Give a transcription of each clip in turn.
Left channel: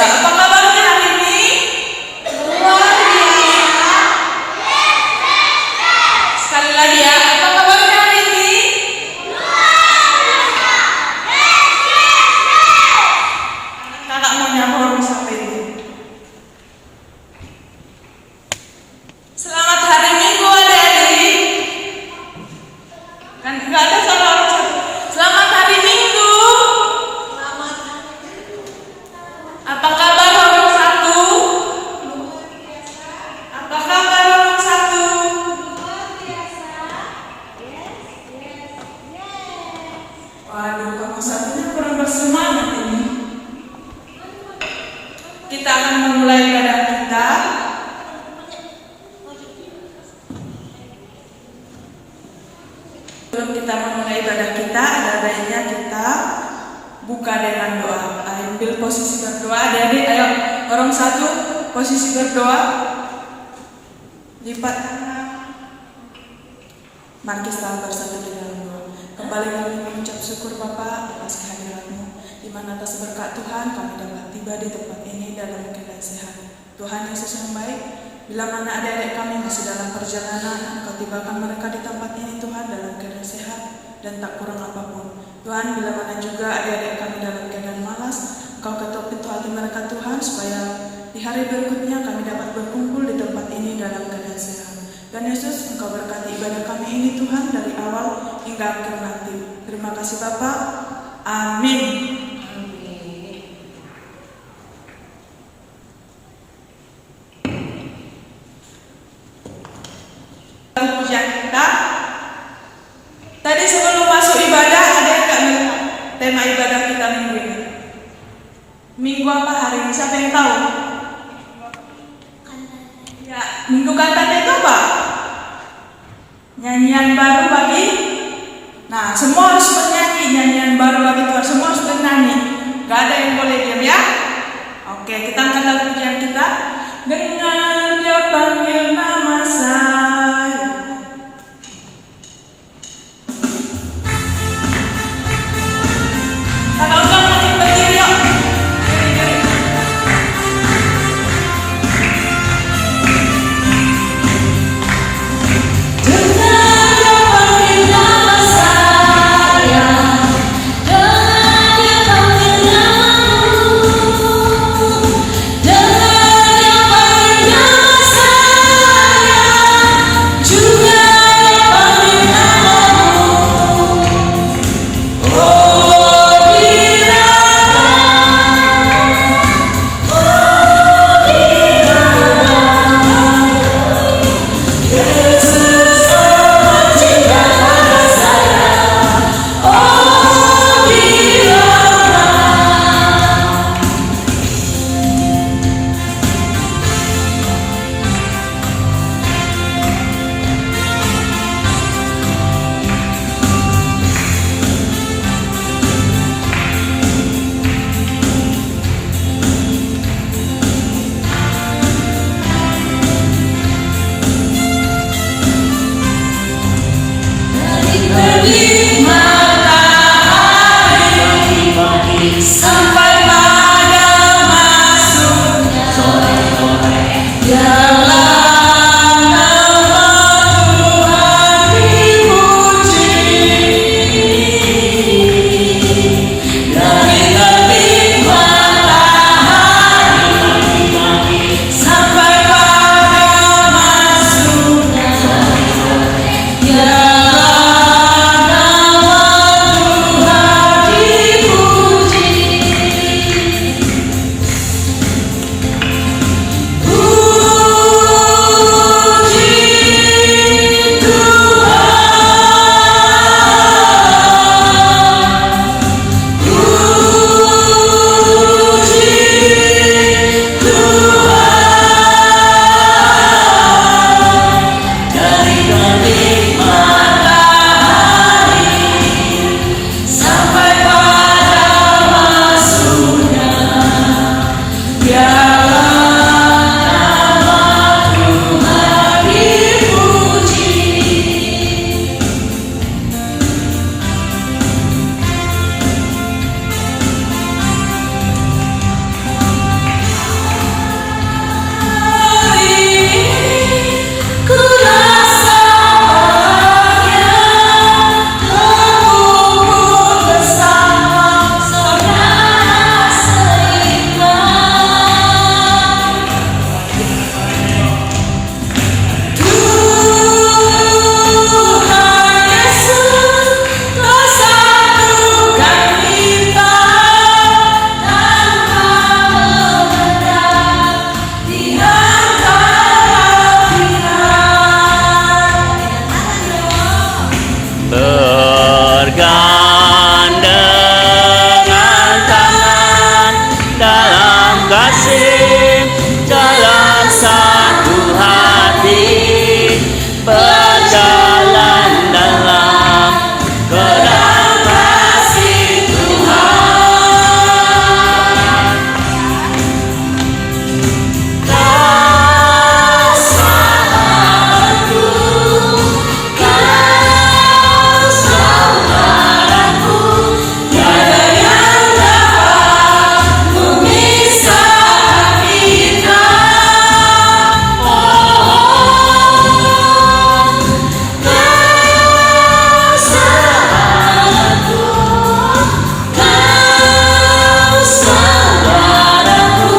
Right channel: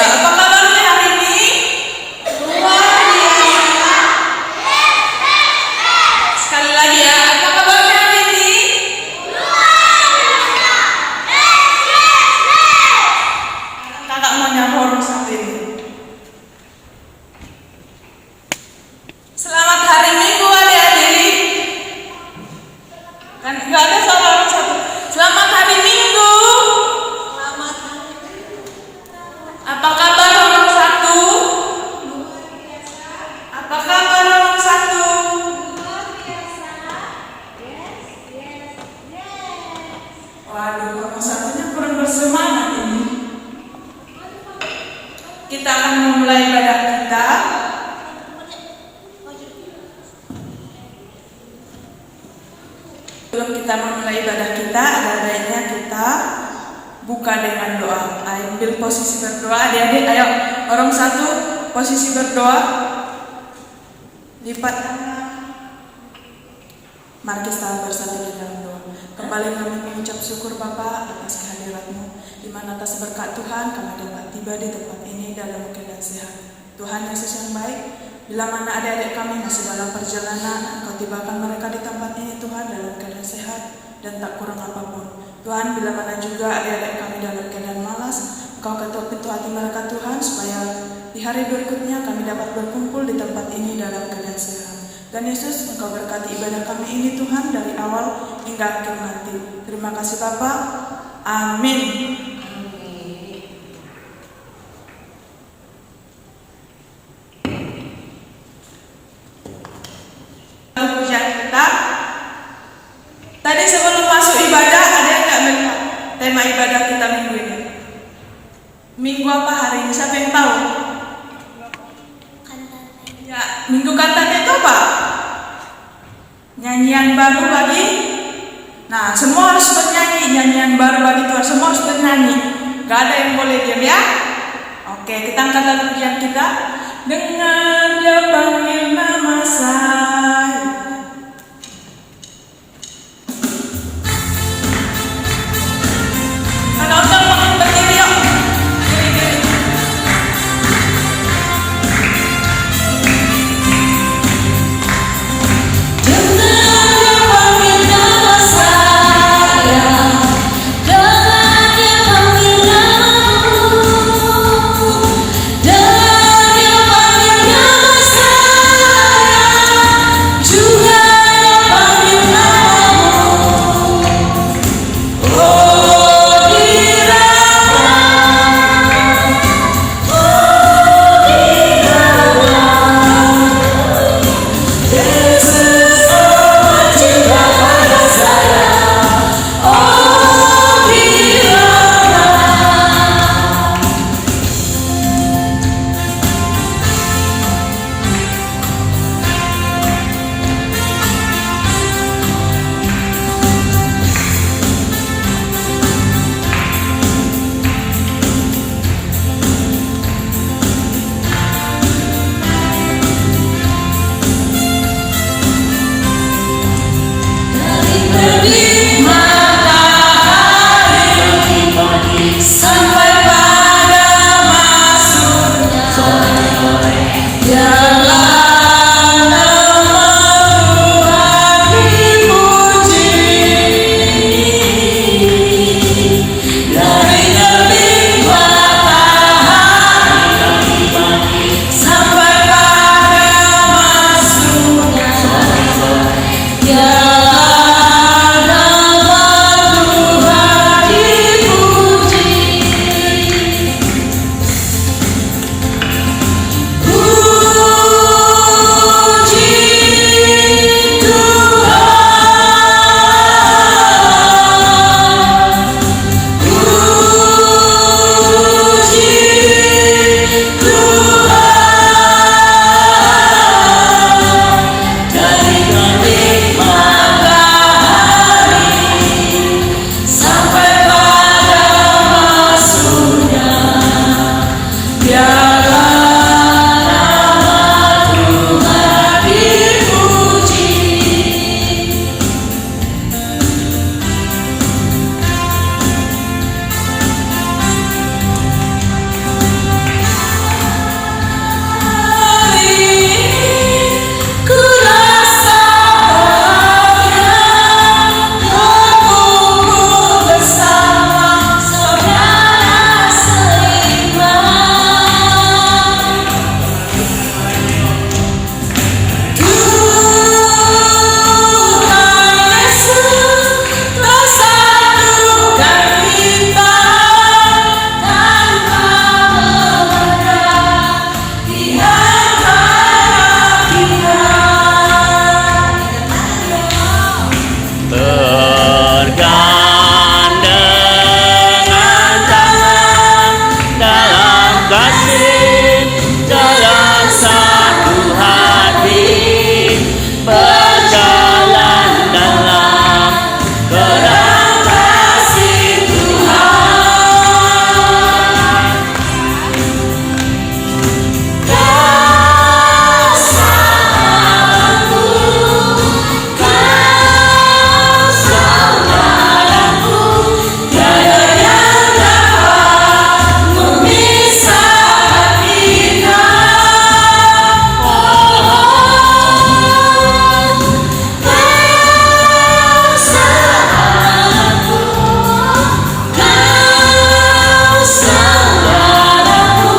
biasa. Apa kabarnya hari ini? Luar biasa. Sekali lagi ya, apa kabarnya hari ini? Kakak mau nyapa orang satu ini. Selamat hari Minggu adik-adik. Kan nggak ada suara orang satu. Selamat hari Minggu. Apa kabar orang satu? Apa kabar orang satu? Waduh, orang satunya kurang bersemangat ini. Kita akan memulai ibadah kita. Sebelum kita memulai ibadah kita, ada baiknya kita buka dengan doa. Ayo ambil posisi berdoa, adik-adik. Ayo orang satu posisi berdoa. Lipat tangan. Mari kita bersatu di dalam doa. Kembali kami mengucap syukur Bapa atas kehadirat-Mu, di mana atas berkat Tuhan kami dapat tiba di tempat ini dalam keadaan sehat. Tuhan Yesus yang baik, bila mana adik-adik kami masih dalam perjalanan, Engkau tibakan mereka di tempat ini Tuhan dalam keadaan sehat dan tak kurang apapun. Tuhan, bila mana juga adik-adik kami dalam keadaan malas, Engkau ketuk pintu hati mereka Tuhan, supaya di hari berikutnya kami dapat berkumpul di tempat ini dalam keadaan sehat. Dan Yesus, Engkau berkati ibadah kami ini Tuhan dari awal hingga akhir nanti. Terima kasih Bapa. Amin. Pujian kita. Tadi sebelum masuk ibadah ada yang nggak melihat tema ibadah kita minggu ini? Minggu apa hari ini? Siapa yang tahu? Ya, minggu kantate itu apa? Nyanyian baru bagi. Nah, semua harus bernyanyi. Nyanyian baru bagi Tuhan. Semua harus bernyanyi. Gak ada yang boleh diam ya. Oke, kita angkat lagu pujian kita. Dengan Dia panggil nama saya. Kalau udah makin berdiri yuk. Dengan Dia panggil nama saya. kasih dalam satu hati, berjalan dalam kerang kasih Tuhan. Kau sahabatku, kau saudaraku, tiada yang dapat memisahkan kita. Kau sahabatku, kau saudaraku,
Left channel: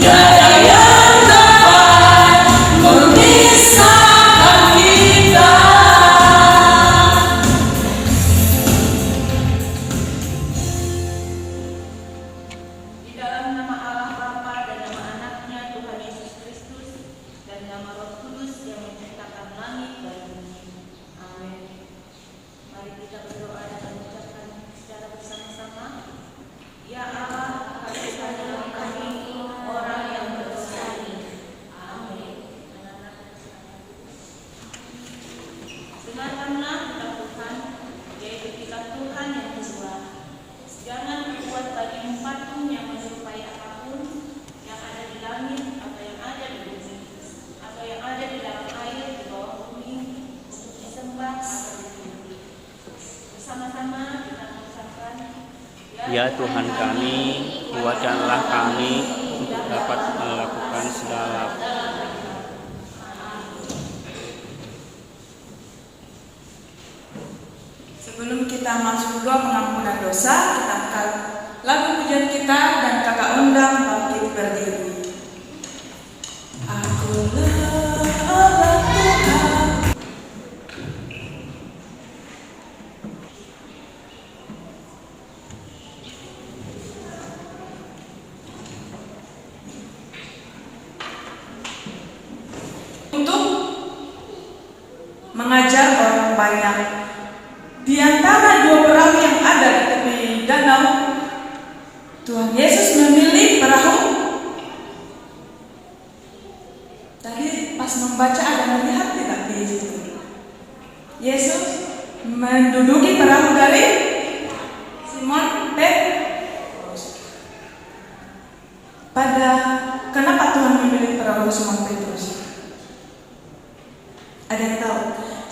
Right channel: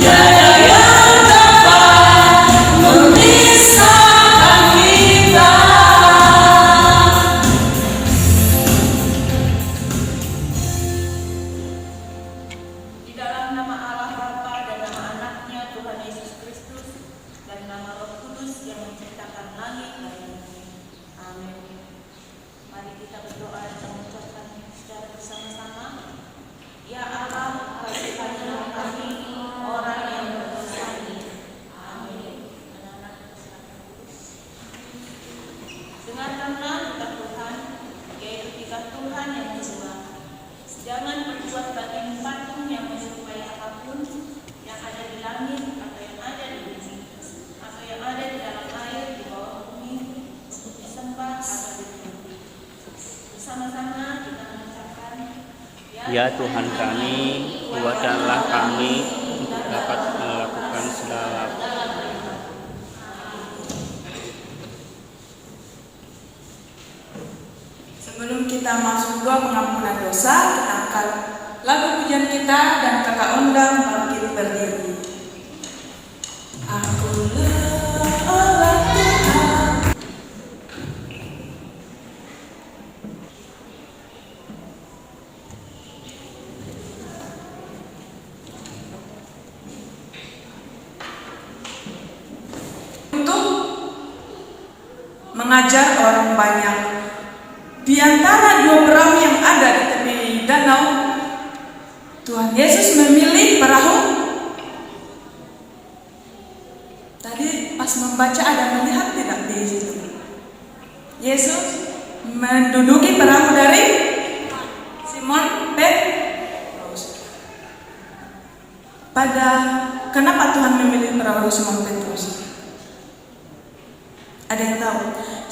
tiada yang dapat memisahkan kita. Di dalam nama Allah Bapa dan nama Anaknya Tuhan Yesus Kristus dan nama Roh Kudus yang menciptakan langit dan bumi. Amin. Mari kita berdoa dan mengucapkan secara bersama-sama. Ya Allah, kasihanilah kami orang yang berdosa ini. Amin. Dengarkanlah kita Tuhan, yaitu kita Tuhan yang bersuara. Jangan berbuat bagimu patung yang menyerupai apapun yang ada di langit atau yang ada di bumi atau yang ada di dalam air di bawah bumi untuk disembah atau dipuji. Bersama-sama kita mengucapkan, Ya Tuhan kami, kuatkanlah kami untuk dapat melakukan segala Sebelum kita masuk doa pengampunan dosa, kita angkat lagu pujian kita dan kakak undang bangkit berdiri. Akulah Allah Tuhan. Untuk mengajar orang banyak. Di antara dua perahu yang ada di tepi danau, Tuhan Yesus memilih perahu. Tadi pas membaca ada melihat tidak di situ? Yesus menduduki perahu dari Simon Petrus. Kenapa Tuhan memilih perahu Simon Petrus? Ada yang tahu?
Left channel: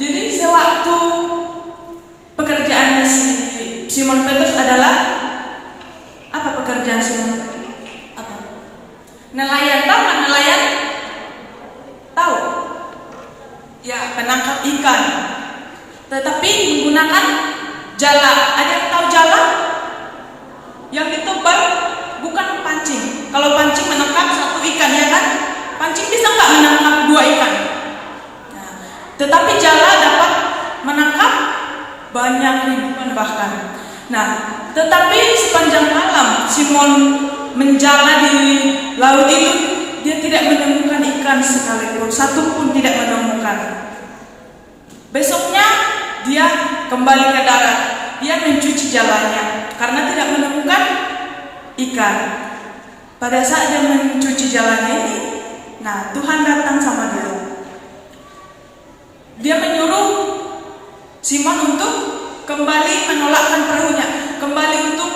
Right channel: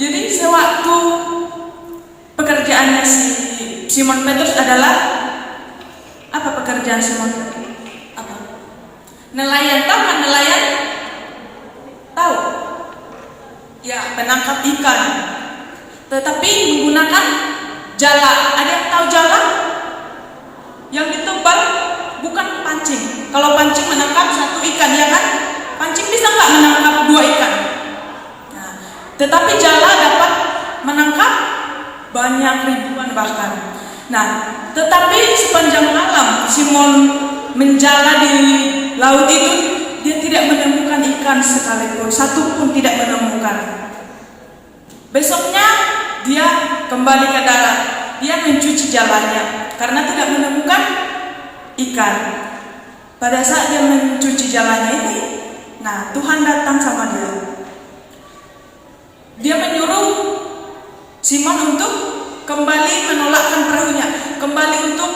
Jadi sewaktu pekerjaannya Simon Petrus adalah apa pekerjaan Simon Petrus? Apa? Nelayan, tahu kan nelayan? Tahu? Ya, penangkap ikan. Tetapi menggunakan jala. Ada yang tahu jala? Yang ditebal bukan pancing. Kalau pancing menangkap satu ikan, ya kan? Pancing bisa nggak menangkap dua ikan? Nah, tetapi jala dapat menangkap banyak ribuan bahkan. Nah, tetapi sepanjang malam Simon menjala di laut itu, dia tidak menemukan ikan sekalipun, satu pun tidak menemukan. Besoknya dia kembali ke darat, dia mencuci jalannya karena tidak menemukan ikan. Pada saat dia mencuci jalannya ini, nah Tuhan datang sama dia. Dia menyuruh Simon untuk kembali menolakkan perahunya, kembali untuk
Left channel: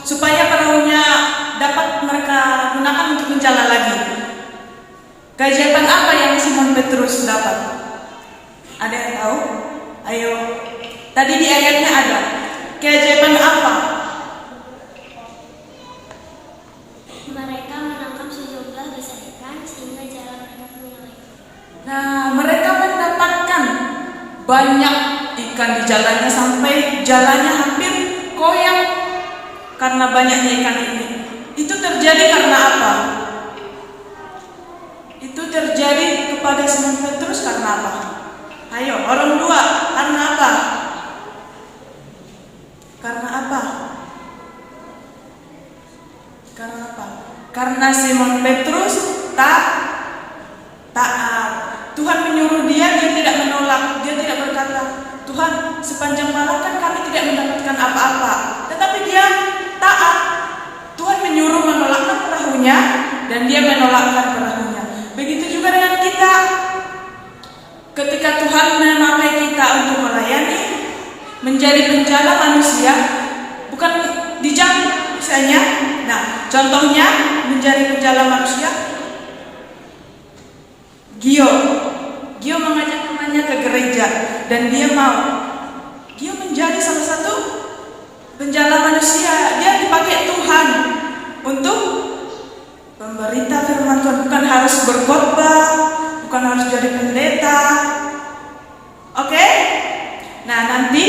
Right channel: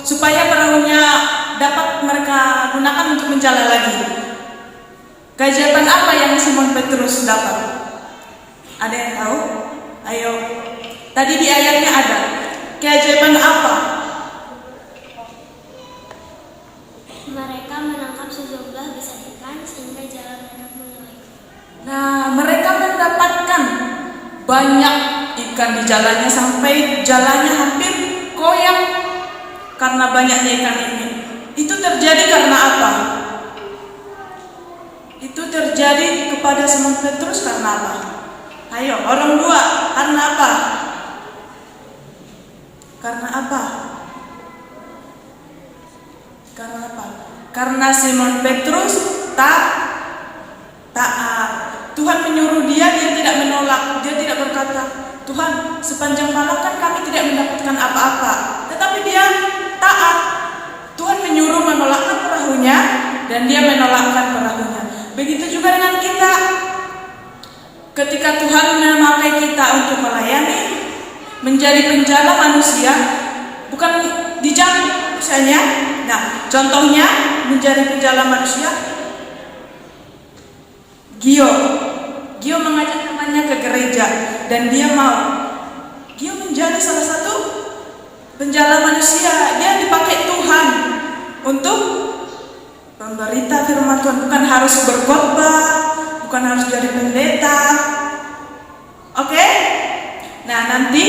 supaya perahunya dapat mereka gunakan untuk menjala lagi. Keajaiban apa yang Simon Petrus dapat? Ada yang tahu? Ayo, tadi di ayatnya ada. Keajaiban apa? Mereka menangkap sejumlah besar ikan sehingga jalan mereka mulai. Nah, mereka mendapatkan banyak ikan di jalannya sampai jalannya hampir koyak karena banyaknya ikan ini. Itu terjadi karena apa? Itu terjadi kepada Simon Petrus karena apa? Ayo, orang dua, karena apa? Karena apa? Karena apa? Karena Simon Petrus taat. Tuhan menyuruh dia tidak menolak. Dia tidak berkata, Tuhan, sepanjang malam kan kami tidak mendapatkan apa-apa. Tetapi dia taat. Tuhan Ketika Tuhan memakai kita untuk melayani, menjadi penjala manusia, bukan di jam misalnya. Nah, contohnya menjadi penjala manusia. Gio mengajak temannya ke gereja dan dia mau. Gio menjadi salah satu penjala manusia. Dia dipakai Tuhan untuk memberita firman Tuhan, bukan harus berkhotbah, bukan harus jadi pendeta. Oke? Nah, nanti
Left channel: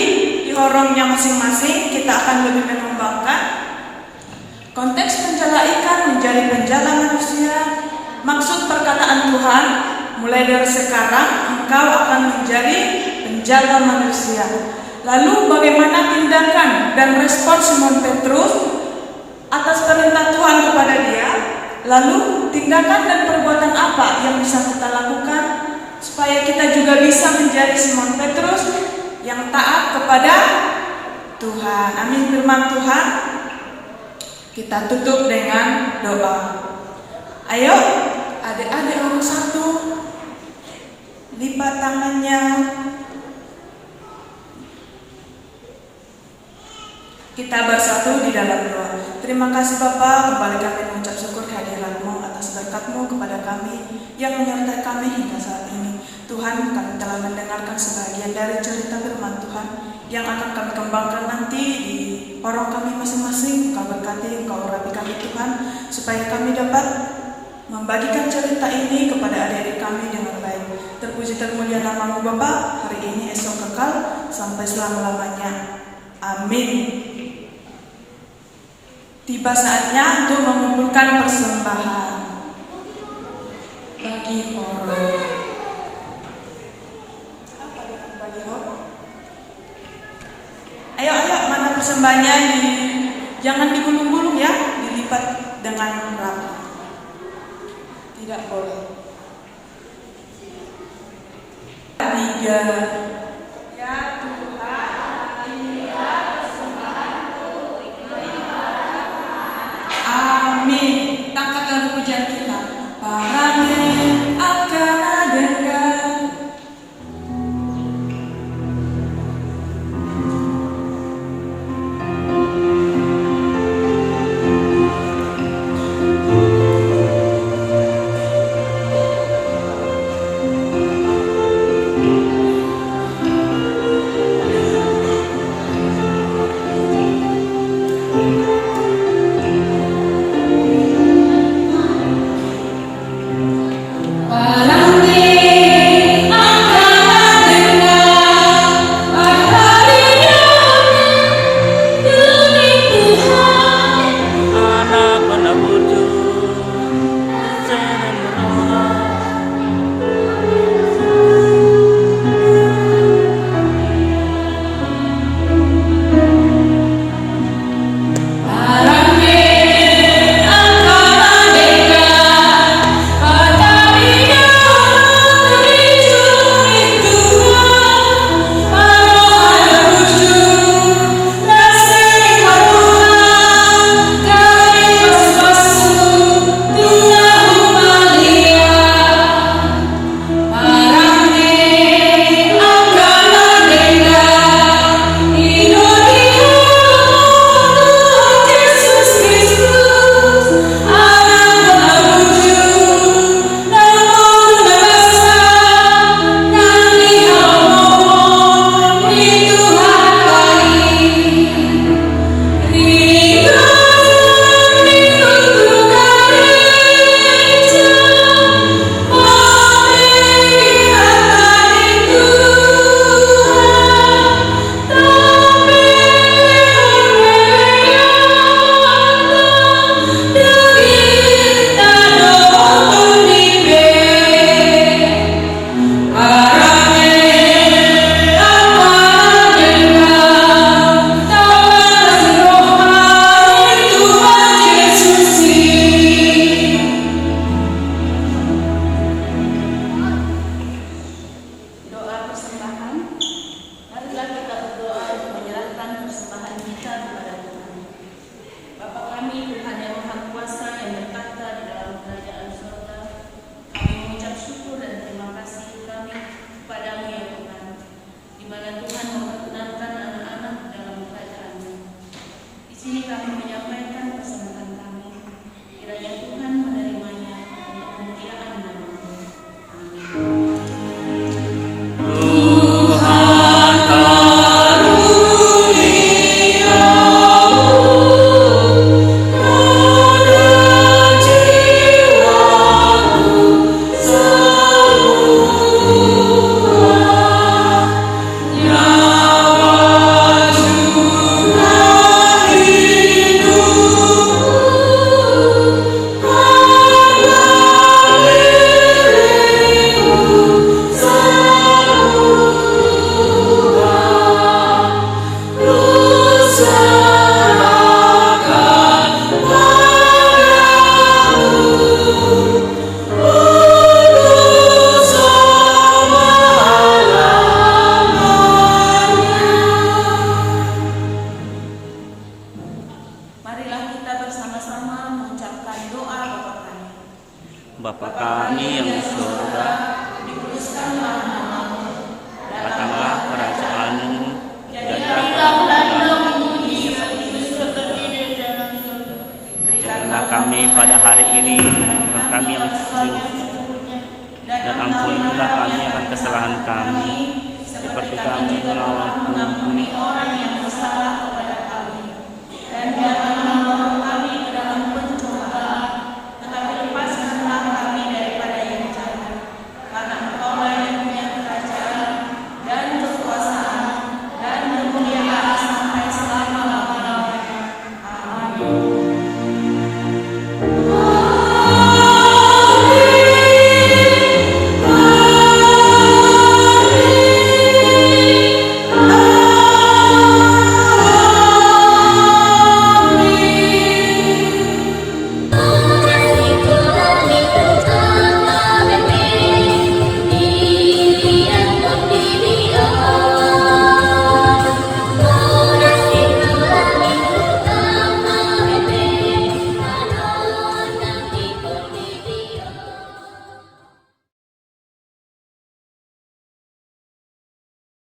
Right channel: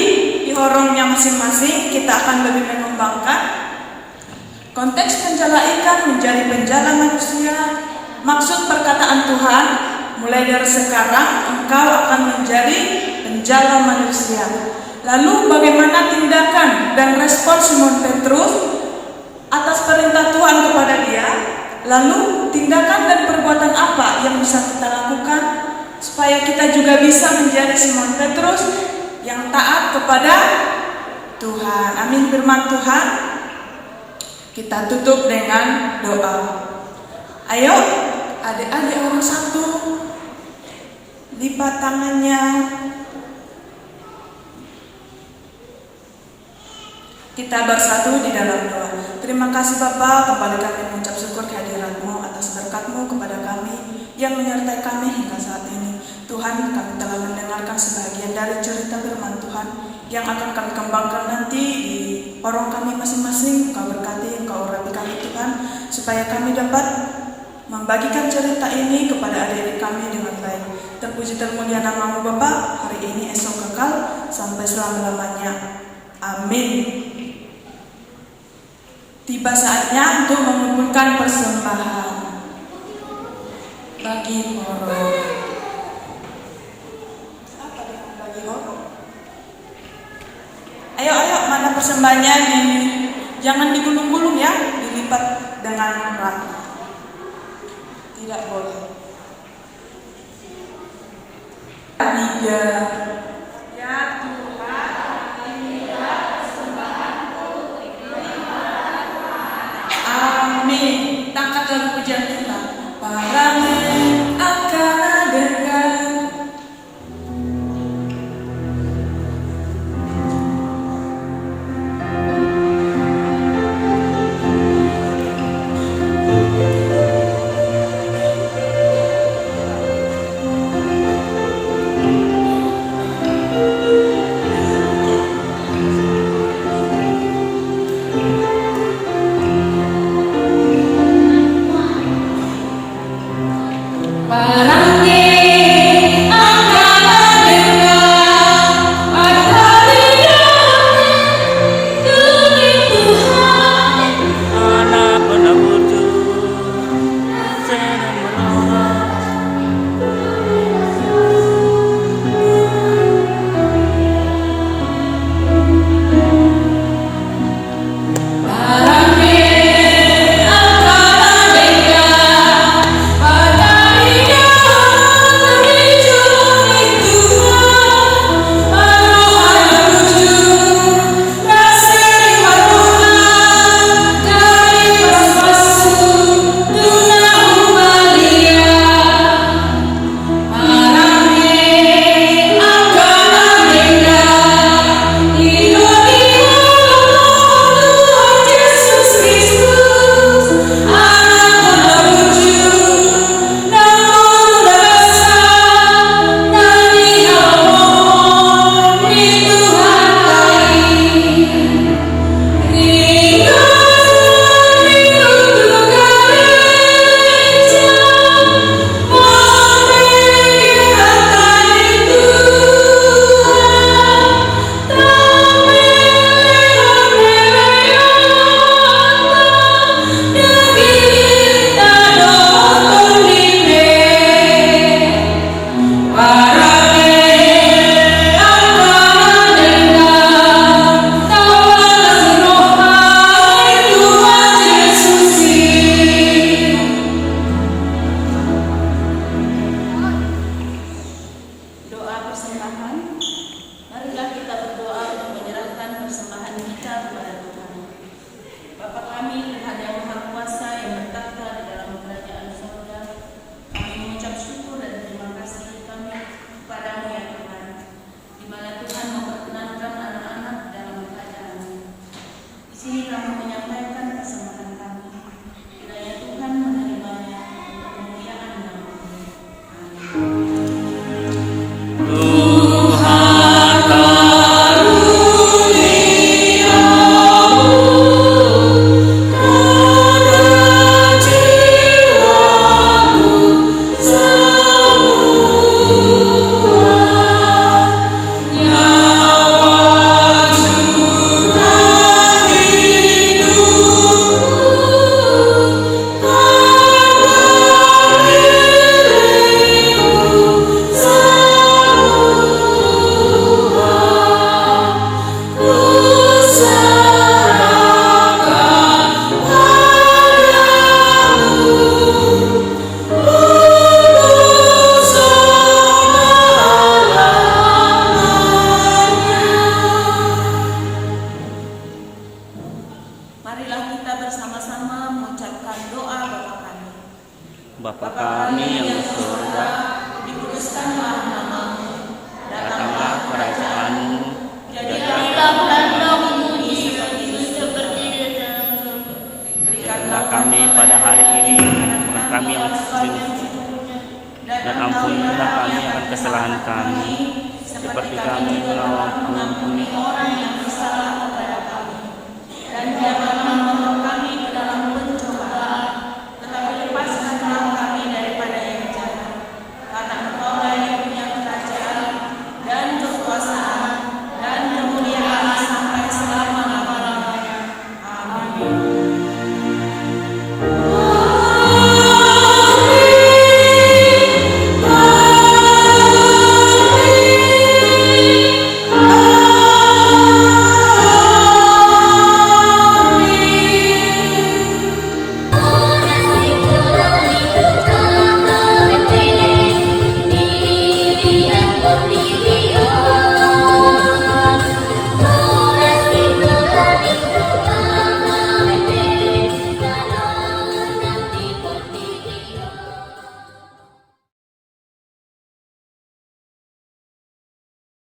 di horongnya masing-masing kita akan lebih mengembangkan konteks penjala ikan menjadi penjala manusia. Maksud perkataan Tuhan, mulai dari sekarang engkau akan menjadi penjala manusia. Lalu bagaimana tindakan dan respon Simon Petrus atas perintah Tuhan kepada dia? Lalu tindakan dan perbuatan apa yang bisa kita lakukan supaya kita juga bisa menjadi Simon Petrus yang taat kepada Tuhan. Amin. Firman Tuhan kita tutup dengan doa. Ayo adik-adik orang satu, lipat tangannya. Kita bersatu di dalam doa. Terima kasih Bapa, kembali kami mengucap syukur kehadirat-Mu atas berkat-Mu kepada kami yang menyertai kami hingga saat ini. Tuhan, kami telah mendengarkan sebagian dari cerita firman Tuhan yang akan kami kembangkan nanti di orang kami masing-masing. Kau berkati, Kau urapi kami Tuhan, supaya kami dapat membagikan cerita ini kepada adik-adik kami dengan baik. Terpuji termulia nama-Mu Bapa, hari ini esok kekal sampai selama-lamanya. Amin. Tiba saatnya untuk mengumpulkan persembahan bagi horor. Apa dia bagi horor? Ayo, mana persembahannya? Jangan digulung-gulung ya, dilipat dengan rata. Tidak boleh. 3. Ya Tuhan, amin. Tangkat lagu pujian kita. Parane akan dengar. Bapa kami yang di surga, dikuduskanlah namamu, datanglah kerajaan-Mu, jadilah dalam dalam bumi seperti di dalam surga. Berikanlah kami pada hari ini makan kami yang dan ampunilah kami akan kesalahan kami, seperti kami mengampuni orang yang bersalah kepada kami. Dan jangan